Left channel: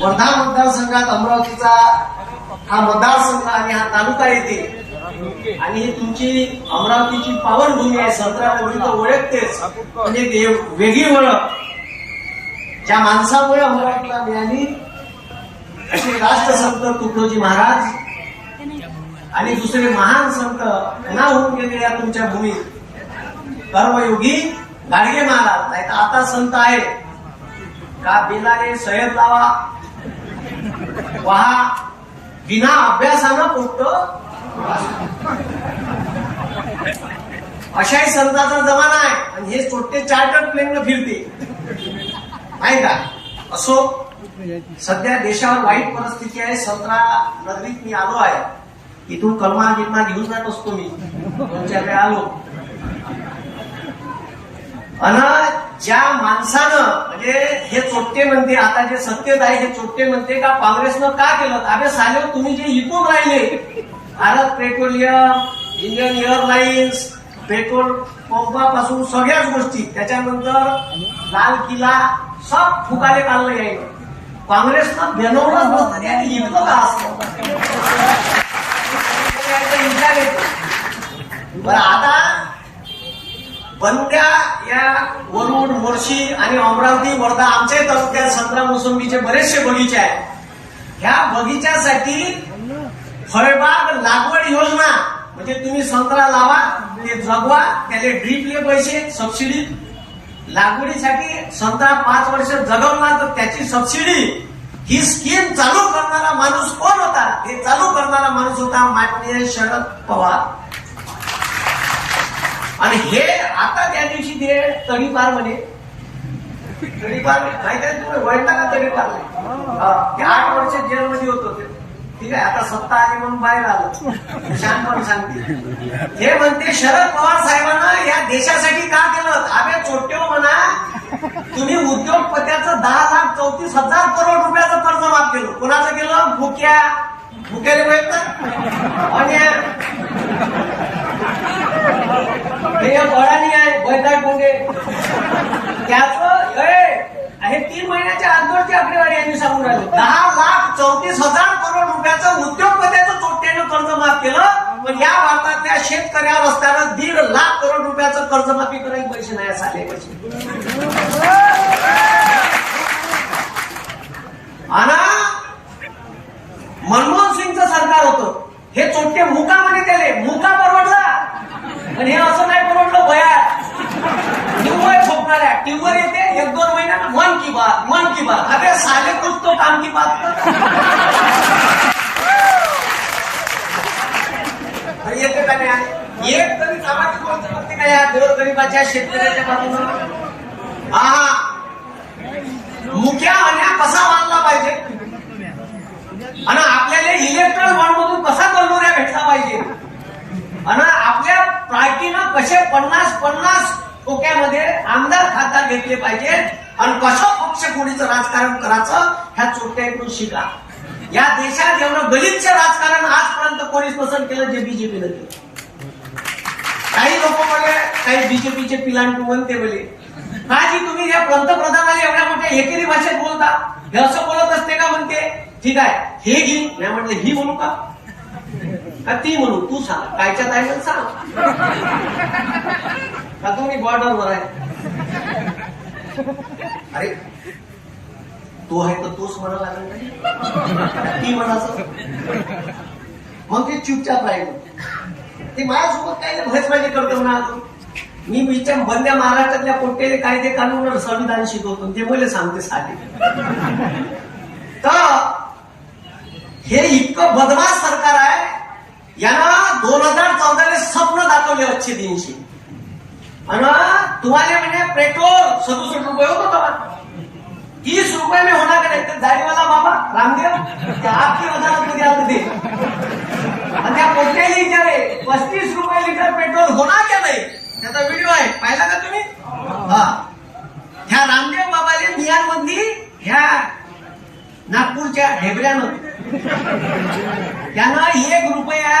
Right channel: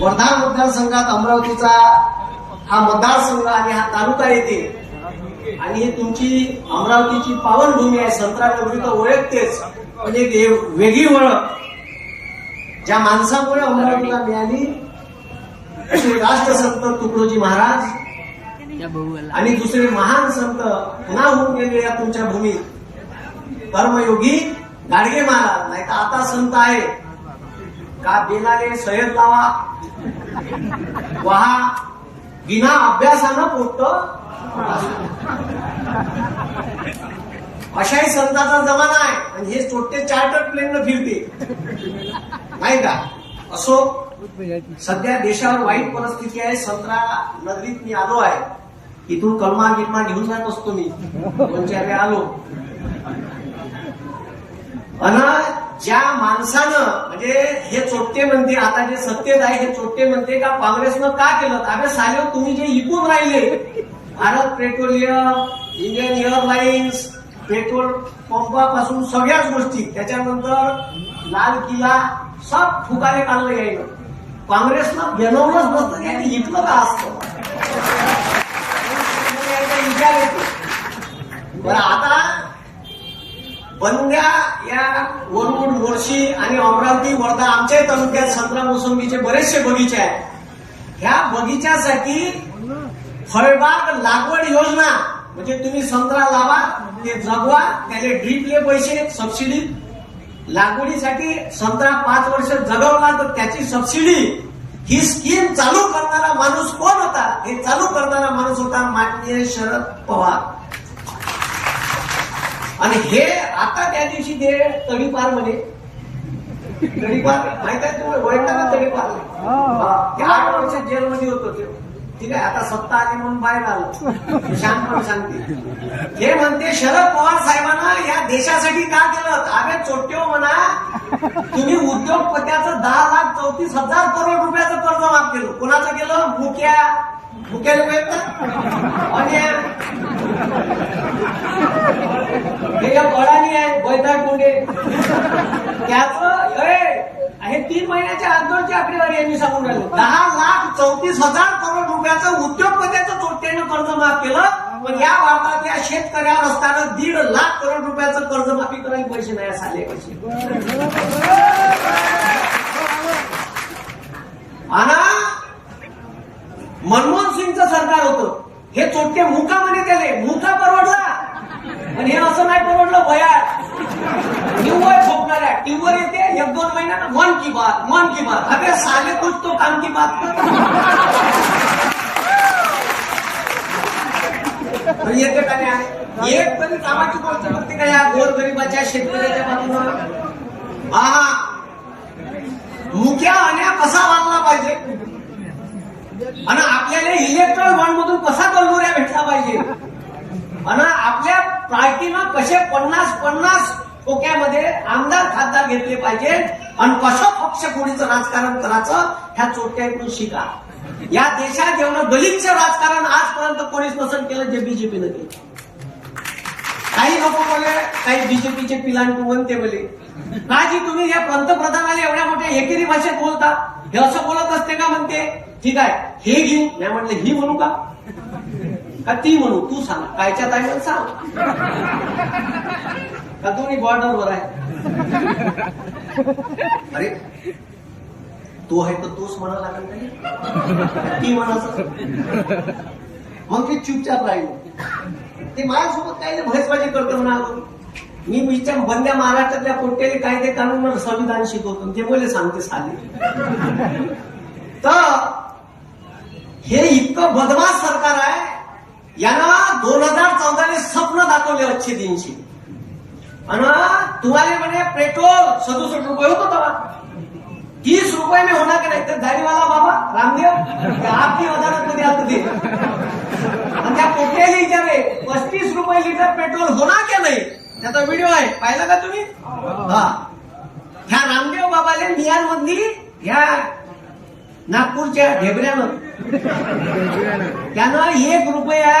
वर्धा मतदारसंघात अमरावतीचा हा मतदारसंघ आणि हा तालुका येते आणि ही तुमची अमरावतीची पावनभूमी आहे. संत्रानगरी तर ओळखतेच, पण एक वेगळी ओळख ज्या माणसामुळे अमरावतीला मिळाली असे राष्ट्रसंत तुकडोजी महाराज आणि दुसरे महान संत पुन्हा होऊन गेले या तुमच्या भूमीत, कर्मयोगी गाडगे महाराज. नाही तर आता संत आहे का बिनाने सय्यद लावा वहा बिना अभ्यासानं पोट अशाही संतांचा जमाना आहे आणि हे छोटे चार्टर्ड प्लेन फिरते नाही का. असो, सध्या देशावर वाईट परिस्थिती आहे. संत्रा नगरीत मी आलो आहे, इथून कलमा गिलमा घेऊन जात असतो मी, 2-4 वेळा आलो. आणि ज्या माणसानं म्हणजे हे चोट्टे म्हणते, आता जे सत्तेत आहे हे चोट्टे म्हणते का काँग्रेसनं का केलं. अरे साले, तुम्ही जे इकून राहिले Bharat petroleum, Indian airlines, petrol पंपापासून सगळ्याच गोष्टी, त्याच्यानंतर लाल किल्ला सब फुकाले काढलं यायला. काँग्रेसनं बनवलंच नसतं आणि इकलं का असतं. विचार येतो बरं. आता बंद्या या वरुड, मोर्शी आणि अमरावती, वर्धा आमच्या तालुक्यात संत्रा मोसंबीचे बरेचसे बगीचे आहेत. ह्या बगीच्यासाठी फळबाग लागवड योजना म्हणजे तुम्ही संत्रा लावा, ते जगवा, त्याले ड्रीपले पैसे, सबसिडी. लागवडीसाठी संत्रा 5 वर्ष जगवला तर त्याची सबसिडी. ही स्कीम चालू करणारा माणूस कोण होता? हे चालू करणारा माणूस होता माननीय शरद पवार. आणि हे आता त्या दिवशी ते तडीपार म्हणे, तडीपार माहिती आहे तुम्ही, वडिलांना तडीपार ते 8 वर्ष जेलमध्ये होतो ते. ठीक आहे, आता सत्ता आली म्हणून बाहेर आलं, शांतपणे सांगते. हे म्हणते शरद पवार साहेबांना या देशासाठी का केलं. अबे चोट्टे म्हणा, तुम्ही उद्योगपत्याचं 10,34,000 करोड रुपयाचं कर्ज माफ केलं. कोणाचं केलं? मुक्याने वैयत ना. आणि बळानी आहे बैताळ कोंडे, त्याचं हे 3 महिन्याच्या अगोदरची आकडेवारी यांनी सांगून राहिलो. 10,34,000 करोड रुपयाचं उद्योगपत्याचं चोट्ट्यानं कर्ज माफ केलं. पण या भारतातल्या शेतकऱ्यावर असताना 1.5 लाख करोड रुपयाचं कर्जमाफी करायचे पैसे नाही झाले पैसे. आणि मनमोहन सिंगचं सरकार होतं, हे चोट्टे मुका म्हणे, त्याले मुका परवडला. पण हे असं नाही परवडलं. बयार टीव्हीवर झोपणाऱ्या टीव्हीवर येते 1-2 महिन्यात मन की बात. अरे साले कुछ तो काम की बात येते का नाही. एक तरी कामाची गोष्ट करते का या गोरगरिबाच्या शेतकऱ्याच्या बाजूनं. मुख्या अन्याय कसा मानला पाहिजे आणि आपल्याला इलेक्ट्रॉन बॉन्ड मधून कसा कर्जोऱ्या भेटला पाहिजे आणि आपल्या पार्टीनं कसे 50-50 टोक्यामध्ये आमदार खासदार घेतले पाहिजेत आणि कसं पक्षफोडीचं राजकारण करायचं ह्या चोट्याकडून शिका. या देशात एवढं गलिच्छ राजकारण आजपर्यंत कोणीच नसन केलं जे बीजेपीनं केलं. काही लोक बोलले, काही बीजेपीचे पिलांटू म्हणते बोले, काजी तुम्ही या पंतप्रधानाला एवढ्या मोठ्या एकेरी भाषेत बोलता, हे असं बोलत असते का म्हणते. ठीक आहे, हे घे. नाही म्हटलं ही म्हणू का ती म्हणू, तू सांग कायच्या ताईला सांग का तुम्ही बॉर्डरवर आहे. अरे तो आहे तर तोच म्हणा लागेल, ती म्हणायचं. मग ते चुपचाप राहिलं. ते माझ्यासोबत काय भयसबाजी करतो म्हणा. मी विचार बंद्या महाराष्ट्रातल्या कोट्याले कायदे कानून संविधान शिकवतो ते मला सांगते साधे. तर हे इतकं बदमाश सरकार आहे. यानं 2014 स्वप्न दाखवले अच्छे दिनशी. आणि तुम्हाला म्हणजे पेट्रोल 67 रुपये होतं तेव्हा, 30 रुपये में होणार का नाही. ते दाढीवाला बाबा रामदेव त्या आपली वजारात असतं ते. आणि त्या कोट्याला विचारे 35 रुपये लिटर पेट्रोल होणार का नाही. त्याचा व्हिडिओ आहे, पाहिला का तुम्ही. ह्या रामदेव बाबाले मियानमधली ह्या नागपूरच्या ढेबऱ्यानं त्यानं 1 रुपया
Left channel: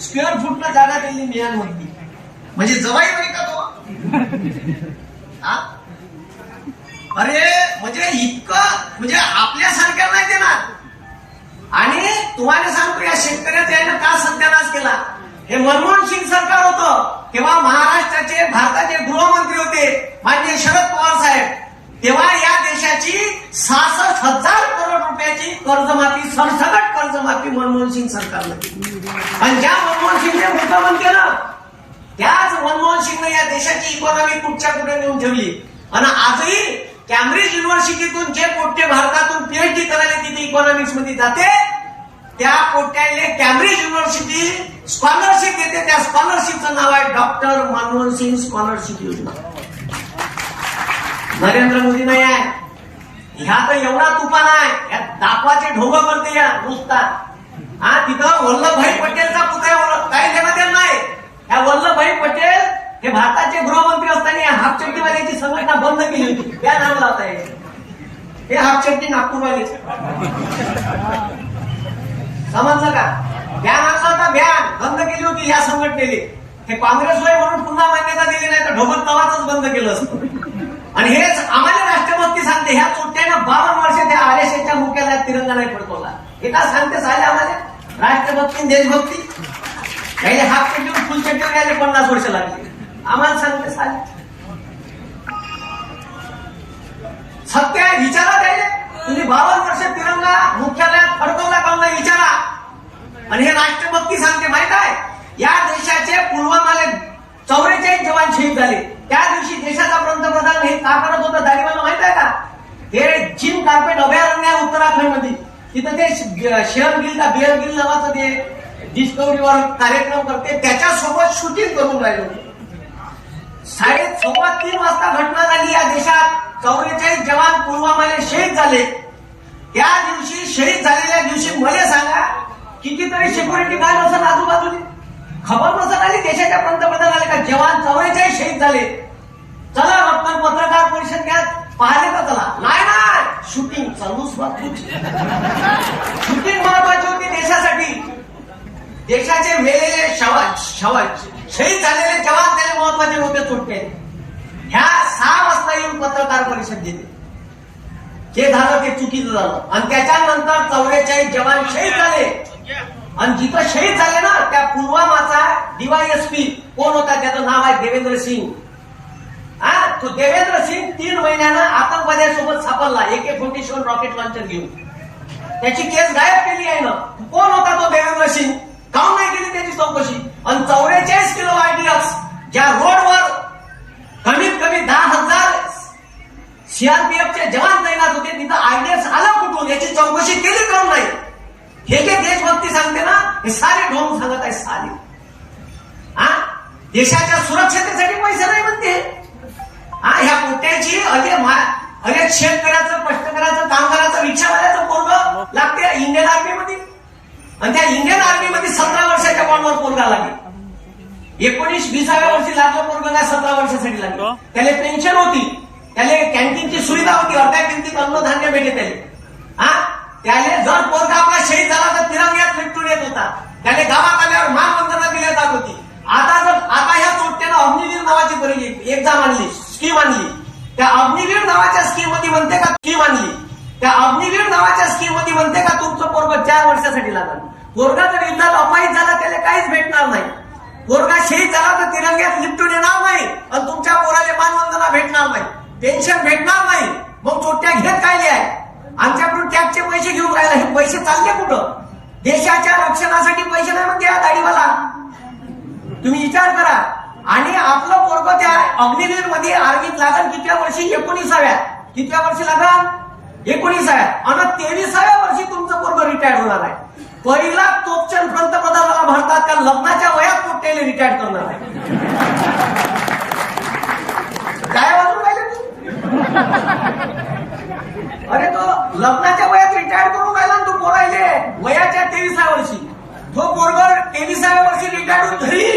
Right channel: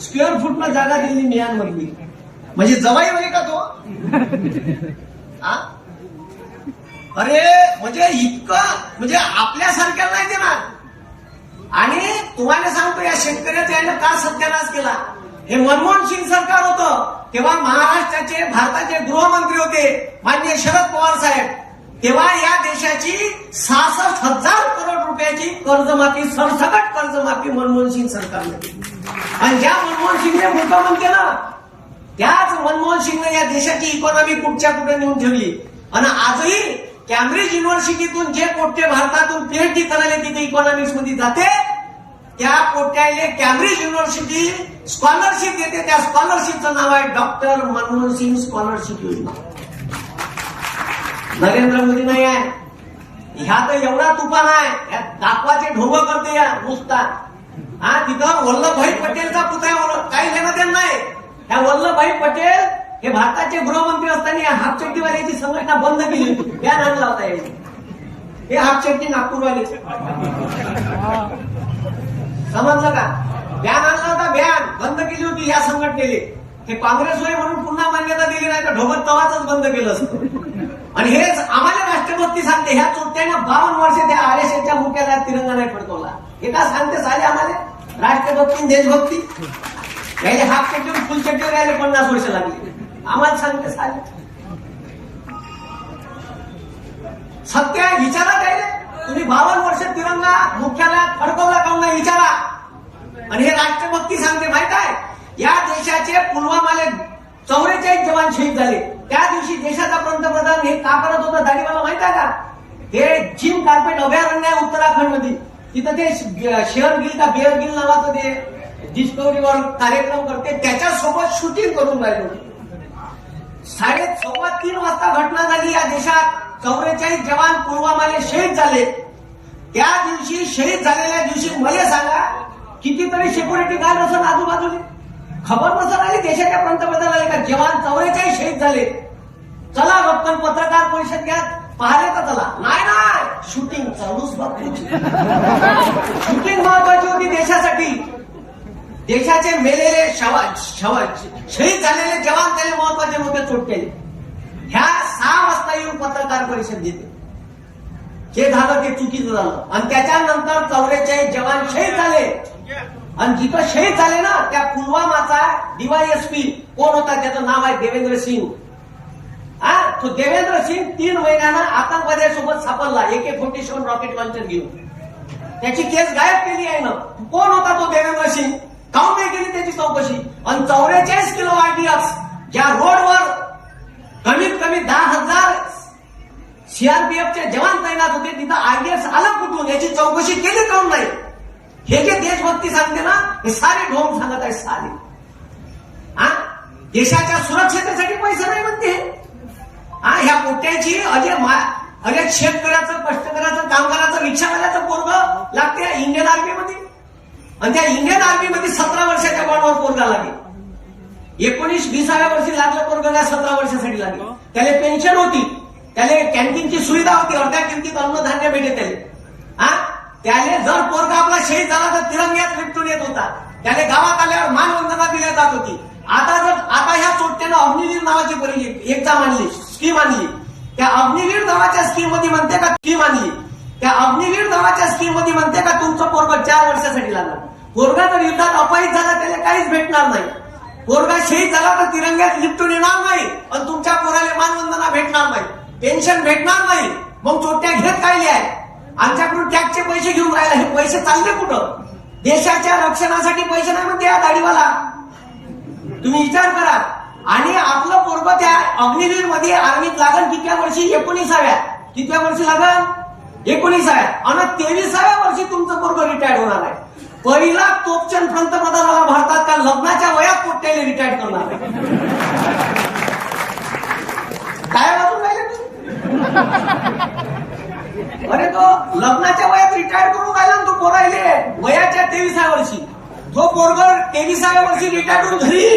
स्क्वेअर फूटनं जागा दिली मियानमधली. म्हणजे जवाई होईल का तो. अरे म्हणजे इतकं म्हणजे आपल्यासारख्या नाही ते आणि तुम्हाला सांगतो या शेतकऱ्याचा यानं का सत्यानाश केला. हे मनमोहन सिंग सरकार होतं तेव्हा महाराष्ट्राचे भारताचे गृहमंत्री होते माननीय शरद पवार साहेब. तेव्हा या देशाची 66,000 करोड रुपयाची कर्जमाफी सरसकट कर्जमाफी मनमोहन सिंग सरकारने केली. आणि ज्या मनमोहन सिंगने मुख्यमंत्री केलं त्याच मनमोहन सिंगने या देशाची इकॉनॉमी कुठच्या कुठे नेऊन ठेवली. आणि आजही कॅम्ब्रिज युनिव्हर्सिटीतून जे पोट्टे भारतातून पीएचडी करायला तिथे इकॉनॉमिक्स मध्ये जाते त्या पोट्याले कॅम्ब्रिज युनिव्हर्सिटी स्कॉलरशिप देते. त्या स्कॉलरशिपचं नाव आहे डॉक्टर मनमोहन सिंग स्कॉलरशिप योजना. नरेंद्र मोदी नाही आहे. ह्या तर एवढा तुफान आहे या दाखवाचे ढोंग करते या नुसता. हा तिथं वल्लभभाई पटेलचा पुतळा काही देणं देणं नाही. ह्या वल्लभभाई पटेल हे भारताचे गृहमंत्री असताना या हाफचड्डीवाल्याची संघटना बंद केली होती. बॅन आणला होता हे हाफचड्डी नागपूरवाले समजलं का. बॅन आणला होता बॅन बंद केली होती या संघटनेने. हे काँग्रेस होय म्हणून पुन्हा मान्यता दिली नाही तर ढोबळ तवाच बंद केलं असतं. आणि हेच आम्हाला राष्ट्रभक्ती सांगते. ह्या चोट्यानं 52 वर्ष त्या आरएसएसच्या मुख्यालयात तिरंगा नाही फडकवला. हे का सांगते साले आम्हाला राष्ट्रभक्ती देशभक्ती. यायला हाफ चड्डीवर फुल चड्डीवर यायला 50 वर्ष लागली. आम्हाला सांगते साले सत्य आहे विचारा द्यायला. तुम्ही 52 वर्ष तिरंगा मुख्यालयात फडकवला का नाही विचारा. आणि हे राष्ट्रभक्ती सांगते माहित आहे. या देशाचे पुलवामाले 44 जवान शहीद झाले. त्या दिवशी देशाचा पंतप्रधान हे का करत होता दाढीवाला माहित आहे का. हे जिम कार्पेट अभयारण्य आहे उत्तराखंड मध्ये. तिथं ते शेअर गिल का बेअर गिल नावाचं ते डिस्कव्हरीवर कार्यक्रम करते त्याच्यासोबत शूटिंग करून राहिले होते. 3:30 वाजता घटना झाली या देशात. 44 जवान पुलवामाले शहीद झाले. त्या दिवशी शहीद झालेल्या दिवशी मला सांगा कितीतरी सिक्युरिटी गार्ड असं आजूबाजूने खबर नसत आली देशाच्या पंतप्रधानाले का जवान 44 शहीद झाले. चला रत्न पत्रकार परिषद घ्या पाहिले तर चला. नाही ना शूटिंग चालूच शूटिंग महत्वाची होती देशासाठी. देशाचे मेलेले शहीद झालेले जवान त्याला महत्वाचे लोक सुटते. ह्या 6 वाजता येऊन पत्रकार परिषद घेते. जे झालं ते चुकीचं झालं. आणि त्याच्यानंतर 44 जवान शहीद झाले. आणि जिथं शहीद झाले ना त्या पुलवामाचा डीवायएसपी कोण होता त्याचं नाव आहे देवेंद्र सिंग. तो देवेंद्र सिंग 3 महिन्यानं आतंकवाद्यासोबत सापडला AK-47 रॉकेट लॉन्चर घेऊन. त्याची केस गायब केली आहे ना. कोण होता तो देवेंद्र सिंग. काऊन नाही केली त्याची चौकशी. आणि 44 किलो आयडीएक्स ज्या रोडवर कमीत कमी 10,000 सीआरपीएफचे जवान तैनात होते तिथं आयडीएक्स आला कुठून याची चौकशी केली काऊन नाही. हे जे देशभक्ती सांगते ना हे सारे ढोंग सांगत आहे सारे. देशाच्या सुरक्षतेसाठी पैसे नाही म्हणते. ह्या पोट्याची अनेक शेतकऱ्याचं कष्टकऱ्याचं कामगाराचं रिक्षावाल्याचं पोरग लागते इंडियन आर्मीमध्ये. आणि त्या इंडियन आर्मीमध्ये 17 वर्षाच्या बॉन्डवर पोरगा लागेल. 19-20व्या वर्षी लागलं पोरग काय 17 वर्षासाठी लागलं. त्याला पेन्शन होती. त्याला कॅन्टीनची सुविधा होती. अर्ध्या किमतीत अन्नधान्य भेटे त्याला. त्याने जर पोरगा आपला शहीद झाला तर तिरंग्यात लिपटून येत होता. त्याने गावात आल्यावर मानवंदना दिल्या जात होती. आता ह्या चोट्यानं अग्निवीर नावाची एक्झाम आणली स्कीम आणली. त्या अग्निवीर नावाच्या स्कीम मध्ये म्हणते का त्या अग्निवीर नावाच्या स्कीम मध्ये म्हणते का तुमचं पोरग 4 वर्षासाठी लागणार. पोरगा जर युद्धात अपयश झाला त्याला काहीच भेटणार नाही. पोरगा शहीद झाला तर तिरंग्यात लिपटून येणार नाही. आणि तुमच्या पोराला मानवंदना भेटणार नाही. पेन्शन भेटणार नाही. मग चोट्या घेत काय आहे. आमच्याकडून टॅक्सचे पैसे घेऊन राहिला. हे पैसे चालले कुठं. देशाच्या रक्षणासाठी पैसे नाही म्हणते या दाढीवाला. तुम्ही विचार करा. आणि आपलं पोरग त्या अग्निवीर मध्ये आर्मीत लागल कितव्या वर्षी 19व्या. कितव्या वर्षी लागल 19व्या. आणि 23व्या वर्षी तुमचं पोरग रिटायर होणार आहे. पहिला तोपचंद पंतप्रधानाला भारतात का लग्नाच्या वयात पोट्याला रिटायर करणार आहे. काय वाजून राहिले तू. अरे तो लग्नाच्या वयात रिटायर करून राहिला तो पोरायले वयाच्या 23व्या वर्षी. तो पोरग 23व्या वर्षी रिटायर होऊन घरी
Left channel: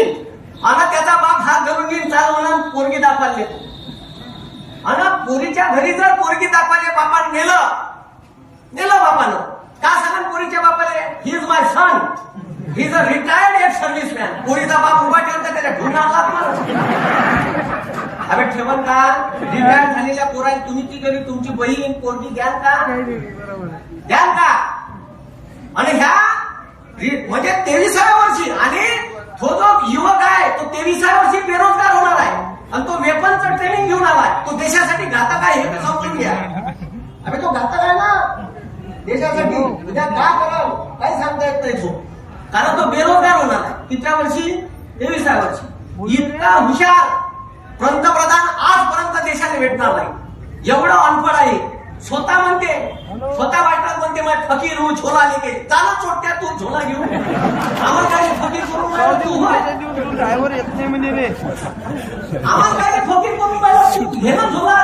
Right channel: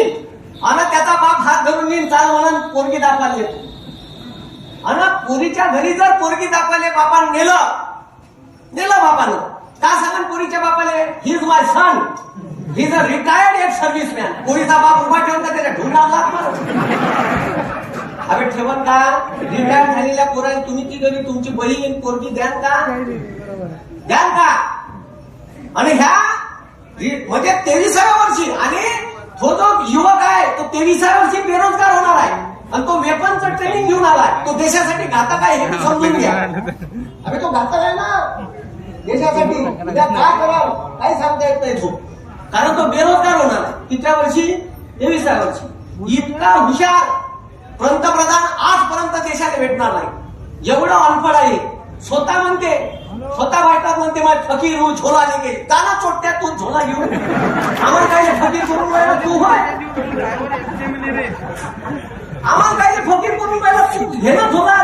आणि त्याचा बाप हात धरून घेऊन चाल म्हणून पोरगी दाखवायला. आणि पोरीच्या घरी जर पोरगी दाखवायला बापानं नेलं बापानं का सांगा पोरीच्या बापाले he is my son he is a retired ex serviceman. पोरीचा बाप उभा ठेवून का त्याच्या ढुंगाला अबे ठेवण का. रिटायर झालेल्या पोराला तुम्ही ती घरी तुमची बहीण पोरगी द्याल का. आणि ह्या म्हणजे 23व्या वर्षी आणि तो जो युवक आहे तो 23व्या वर्षी बेरोजगार होणार आहे आणि तो वेपनचं ट्रेनिंग घेऊन आलाय. तो देशासाठी घातक आहे हे समजून घ्या. अरे तो घातक आहे ना देशासाठी. उद्या काय करावं काही सांगता येत नाही तो, कारण तो बेरोजगार होणार आहे. कितव्या वर्षी? 23व्या वर्षी. इतका हुशार पंतप्रधान आजपर्यंत देशाला भेटणार नाही. एवढं अनपड आहे. स्वतः म्हणते, स्वतः बायकात म्हणते माझ फकीर हूँ झोला लेके जाना चोट्या तू झोला घेऊन आम्हाला काय फकीर करून राहिला तू होय. आम्हाला काय फकीर करून राहिला तू घे ना झोला.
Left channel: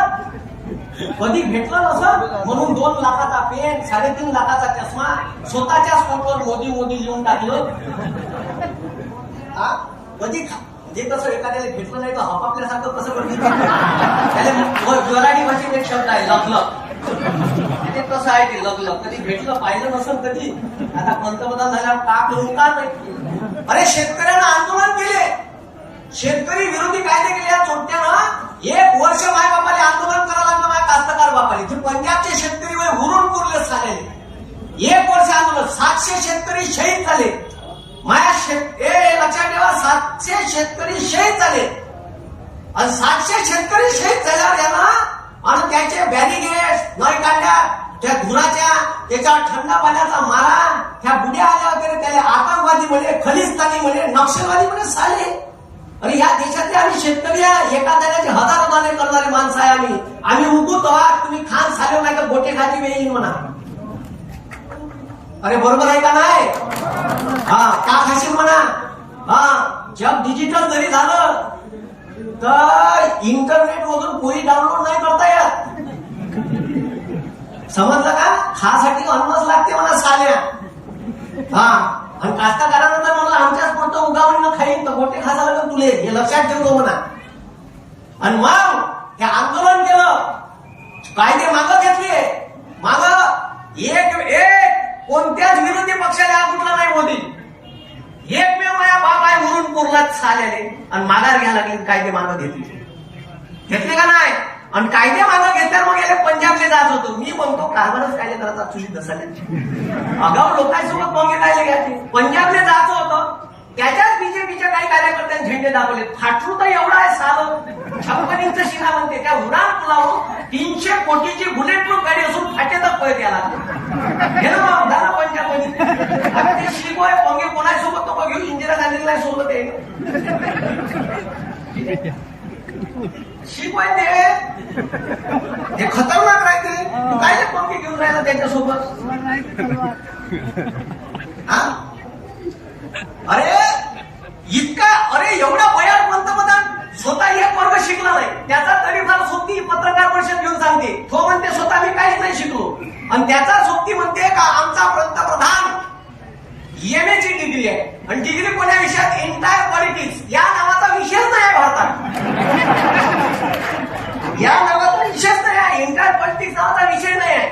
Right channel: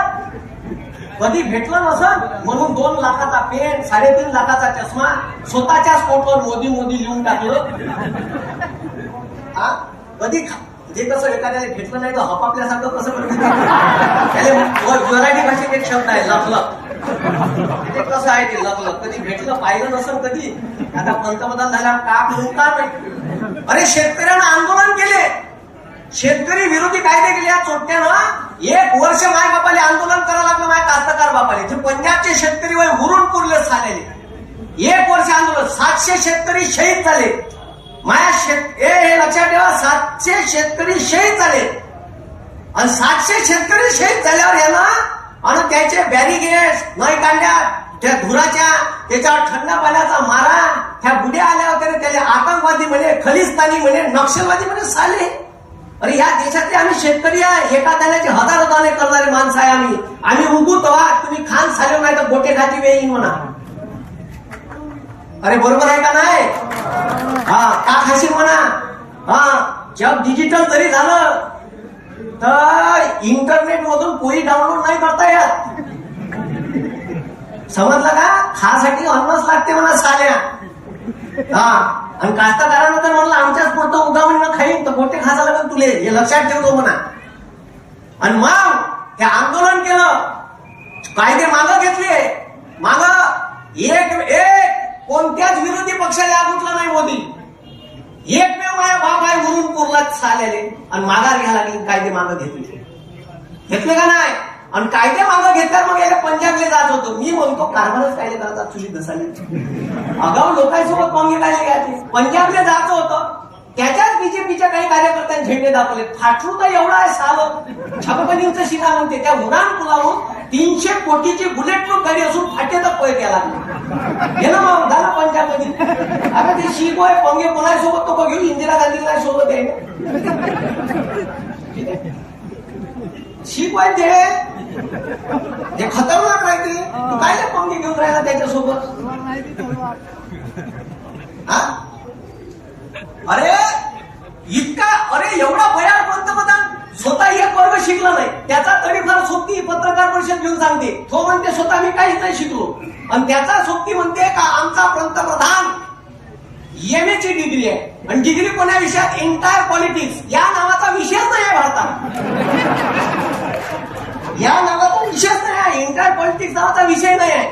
कधी भेटला नसत म्हणून 2 लाखाचा पेन 3.5 लाखाचा चष्मा स्वतःच्याच पोटवर मोदी मोदी लिहून टाकलं. कधी जे कसं एखाद्याला भेटलं नाही तर हपापल्यासारखं कसं करत त्याला मराठी भाषेत एक शब्द आहे लखलख. ते कसं आहे ते लखलख. कधी भेटलं पाहिलं नसेल कधी. आता पंतप्रधान झाल्यावर का करून का नाही. अरे शेतकऱ्यांना आंदोलन केले, शेतकरी विरोधी कायदे केले या चोट्यानं. 1 वर्ष माय बापाले आंदोलन करावं लागलं माय कास्तकार बापाले. जे पंजाबचे शेतकरी वय हुरून पुरले झालेले 1 वर्ष आंदोलन. 700 शेतकरी शहीद झाले. माया हे लक्षात ठेवा 700 शेतकरी शहीद झाले. आणि 700 शेतकरी शहीद झाल्यावर याला आणि त्याचे बॅरिगेड्स नाही काढल्या त्या धुराच्या, त्याच्यावर थंड पाण्याचा मारा. ह्या बुड्या आल्या वगैरे त्याला आतंकवादी म्हणे, खलिस्तानी म्हणे, नक्षलवादी म्हणे साले. अरे ह्या देशातले आम्ही शेतकरी आहे. एका दाण्याचे हजारो दाणे करणारे माणसं आहे आम्ही. आम्ही उगू तवा तुम्ही खान साले नाही तर गोटे खाती वेळी म्हणा. अरे बरोबर आहे का नाही? हा का खाशील म्हणा. हा जग डिजिटल जरी झालं तर इंटरनेट मधून कोणी डाउनलोड नाही करता येत. समजलं का? खासाठी अन्नच लागते म्हणा साल्या. हा आणि कास्तकारांना तर म्हणलं आमच्याच पोटं उगावणं खाईन तर गोटे खायला लागेल तुले, हे लक्षात ठेवतो म्हणा. आणि मग हे आंदोलन केलं, कायदे मागं घेतले. मागं एक कोणत्याच विरोधी पक्षाला आग उठला नाही मोदी. एकमेव माझ्या बाप आहे म्हणून पुरलाच साल्याले आणि माघार घ्यायला लागले. कायदे मागं घेतले का नाही? आणि कायदे मागं घेतल्यावर मग याला पंजाबले जात होतो. मी म्हणतो कारभारच कायदे करायचा चुली धसाले. अगाऊ लोकांसोबत पंगे कायदे घ्यायचे. पंजाबले जायचं होतं, त्याच्याच बीजेपीच्या काही कार्यकर्त्यांनी झेंडे दाखवले. फाटरू तर एवढा आहे साल 56 इंच शिरा म्हणते. त्या उडान पुलावून 300 कोटीची बुलेट प्रूफ गाडी असून फाटे तर पळत यायला हे ना मग झालं पंजाबमध्ये. अरे ते शिकोय पंगे कोणासोबत तो घेऊन इंदिरा गांधीला सोबत आहे शिकोय ते खतरनाक राहते. काय पंगे घेऊन राहिला त्याच्यासोबत. अरे इतका अरे एवढा भयान पंतप्रधान स्वतः एक वर्ग शिकला नाही. त्याचा तरी फार सोबती पत्रकार परिषद घेऊन सांगते. तो म्हणते स्वतः मी काहीच नाही शिकलो. आणि त्याचा सोबती म्हणते का आमचा पंतप्रधान MA ची डिग्री आहे. आणि डिग्री कोण्या विषयात? एंटायर पॉलिटिक्स या नावाचा विषयच नाही भारतात. या नावाचा विषयच नाही आहे. एंटायर पॉलिटिक्स नावाचा विषय नाही आहे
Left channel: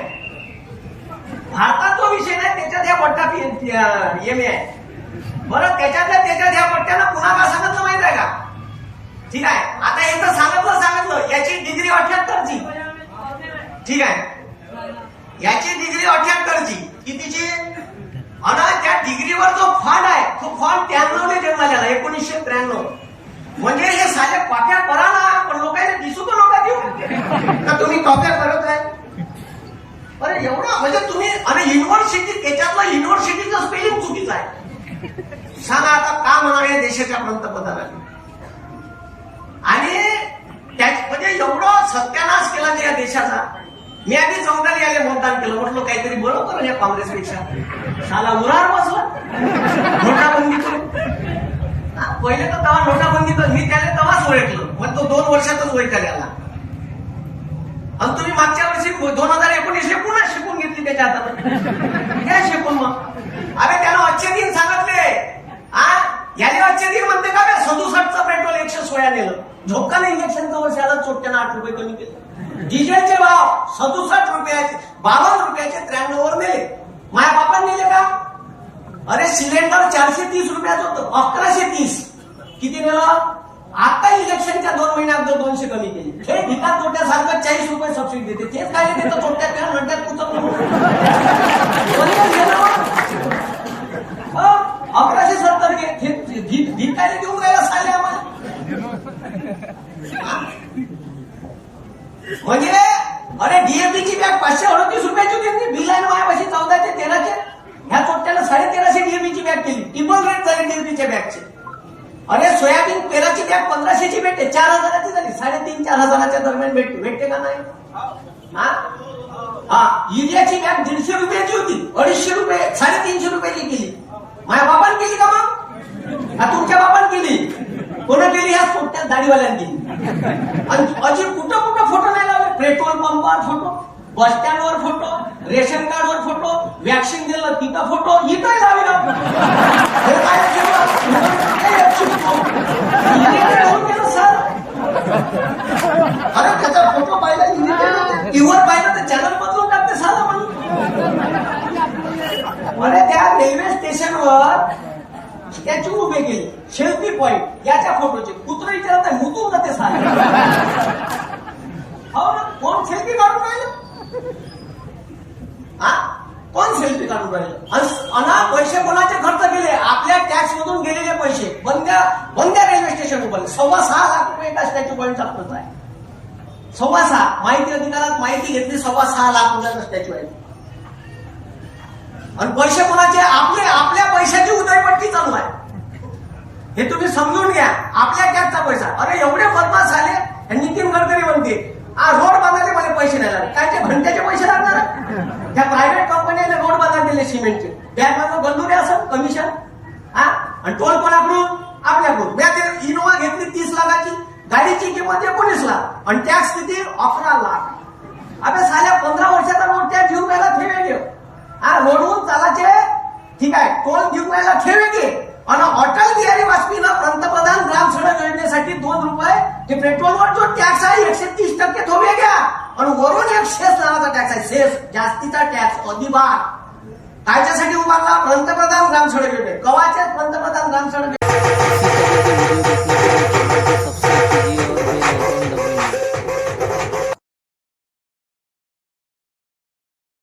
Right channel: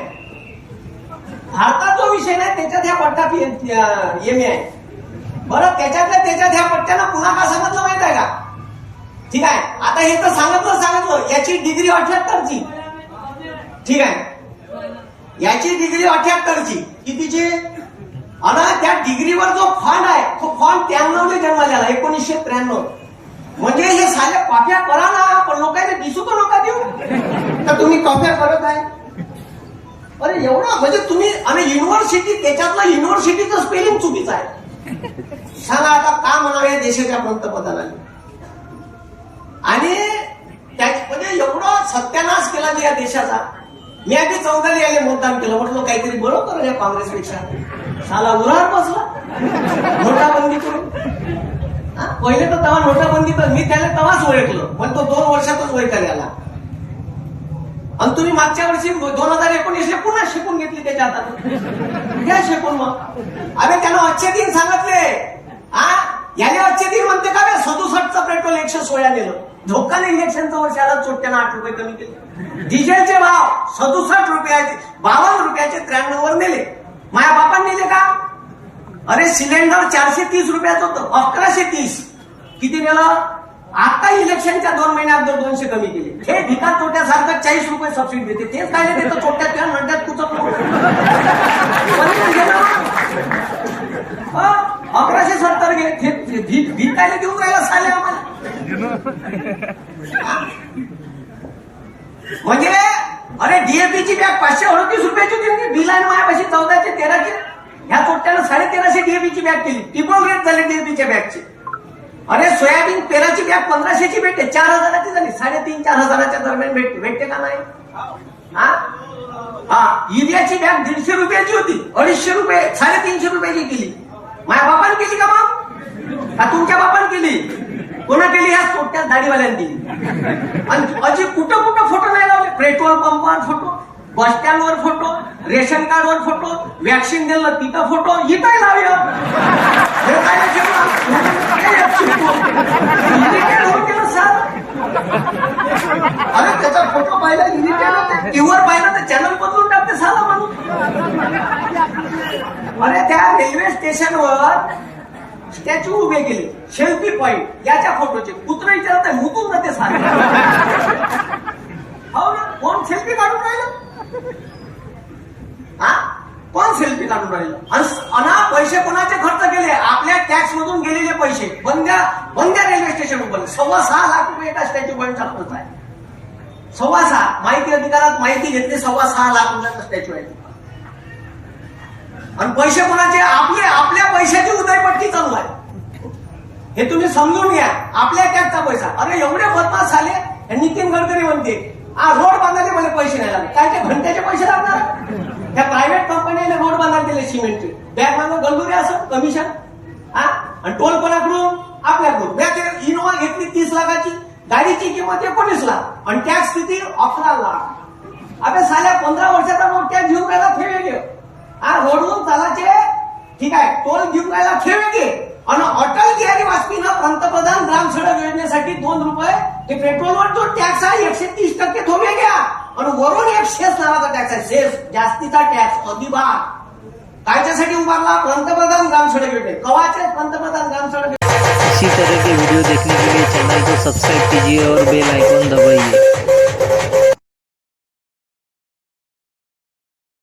भारतात. जो विषय नाही त्याच्यात ह्या पट्टा MA आहे. बरं त्याच्यातल्या त्याच्यात ह्या पट्ट्याला पुन्हा का सांगितलं माहित आहे का? ठीक आहे आता हे तर सांगितलं याची डिग्री 78ची. ठीक आहे याची डिग्री 78ची. कितीची? आणि त्या डिग्रीवर जो फंड आहे तो फंड 93 जन्माला आला 1993. म्हणजे हे साऱ्या कॉप्या करा ना पण लोकांना दिसू तर नका देऊ तर तुम्ही कॉप्या करत आहे. अरे एवढा म्हणजे तुम्ही आणि युनिव्हर्सिटी त्याच्यातलं युनिव्हर्सिटीचं स्पेलिंग चुकीचं आहे. सांगा आता का म्हणावे देशाच्या पंतप्रधानांनी. आणि म्हणजे एवढं सत्यानाश केला या देशाचा. मी आधी 14 याले मतदान केलं. म्हटलं काहीतरी बरोबर या काँग्रेसपेक्षा. साला उरावर बसला नोटाबंदी करून. पहिले तर तेव्हा नोटाबंदी कर मी त्याला तेव्हाच ओळखलं. पण तो 2 वर्षातच ओळखायला आला. आणि तुम्ही मागच्या वर्षी 2019 पुन्हा शिकून घेतली त्याच्या हातात. घ्या शिकून मग. अरे त्यानं अच्छे दिन सांगितले. याने अच्छे दिन म्हणते का? 67चं पेट्रोल 116 नेलं. झोपकान इंजेक्शनचं वर्ष आलं चोट्यानं 8 रुपये कमी केले. डिझेलचे भाव 67 रुपयाचे 52 रुपयाचे 93 वर नेले. माझ्या बापाने नेले का? अरे सिलेंडर 430 रुपयाचं होतं 1130. किती नेलं? आता इलेक्शनच्या 2 महिन्यात 200 कमी केले. हे भिका चोट्यासारखं 40 रुपये सबसिडी देते. तेच काय देतं चोट्यात किंवा नड्यात कुठं म्हणजे अरे डीएपीची बॅग 538 रुपयाची होती, बिल आहे माझ्यापाशी 14 ते 13चे. ह्या चोट्यानं 1350 डीएपीची बॅग केली, ट्रिपल रेट झाले डीएपीच्या बॅगची. अरे सोयाबीन पेराची बॅग 1500ची भेटते, 4000ची झाली, 3,500-4,000च्या दरम्यान भेटते का नाही? हा युरियाची बॅग 150 रुपयाची होती, 250 रुपये 350 रुपयाची केली. माझ्या बापाने केली का मग? हा तुमच्या बापाने केली? कोणा केली? ह्या छोट्या दाढीवाल्यांनी केली. आणि अजी कुठं कुठं फोटो नाही लावले, पेट्रोल पंपावर फोटो, बस स्टँडवर फोटो, रेशन कार्डवर फोटो, वॅक्सिन दिलं तिथं फोटो, इथं लावूया. हे काय अरे त्याचा फोटो पाहिला, किंवा पाहिलं तर चॅनल बदलून टाकते साला म्हणून. अरे त्या रेल्वे स्टेशनवर स्टॅच्यू उभे केले, सेल्फी पॉइंट याच्या फोटोचे. कुत्र विचारत आहे मुतून ना ते सारे. हो ना, कोण सेल्फी काढून राहिलं? हा कोण सेल्फी काढून राहिलं? अना पैसे कोणाचे खर्च केले? आपल्या टॅक्स मधून गेलेले पैसे. बंद्या रेल्वे स्टेशन उभारले, 6.25 लाख रुपये एका स्टॅच्यू पॉइंटचा खर्च आहे. 6.25 माहिती अधिकारात माहिती घेतली, 6.25 लाख रुपयाचा स्टॅच्यू आहे. आणि पैसे कोणाचे? आपल्या पैशाची उदयपट्टी चालू आहे. हे तुम्ही समजून घ्या, आपल्या टॅक्सचा पैसा. अरे एवढे बदमाश झाले. नितीन गडकरी म्हणते रोड बांधायला मला पैसे नाही लागले. काय ते घंट्याचे पैसे लागणार? त्या प्रायव्हेट कंपन्याने रोड बांधायला दिले सिमेंटचे, बँक गंडुरे असं कमिशन. आणि टोल कोणाकडून? आपल्याकडून. मी इनोवा घेतली 30 लाखाची, गाडीची किंमत 19 लाख आणि टॅक्स किती? 11 लाख. आपण साल्या 15 वर्षाचा रोड टॅक्स घेऊन राहिला ते वेगळे. रोडवरून चालाचे ठीक आहे, टोल घेऊन राहिला ते वेगळे. आणि अटल बिहारी वाजपेयीनं पंतप्रधान ग्राम सडक योजनेसाठी 2 रुपये ते पेट्रोलवर जो टॅक्स आहे 130% तो वेगळा. आणि वरून एक सेस नावाचा टॅक्स आहे, सेस जास्तीचा टॅक्स अधिभार. कायच्यासाठी उभारला? पंतप्रधान ग्राम सडक योजने. कवाचे पंतप्रधान ग्राम सडक. इसी तरह के वीडियो देखने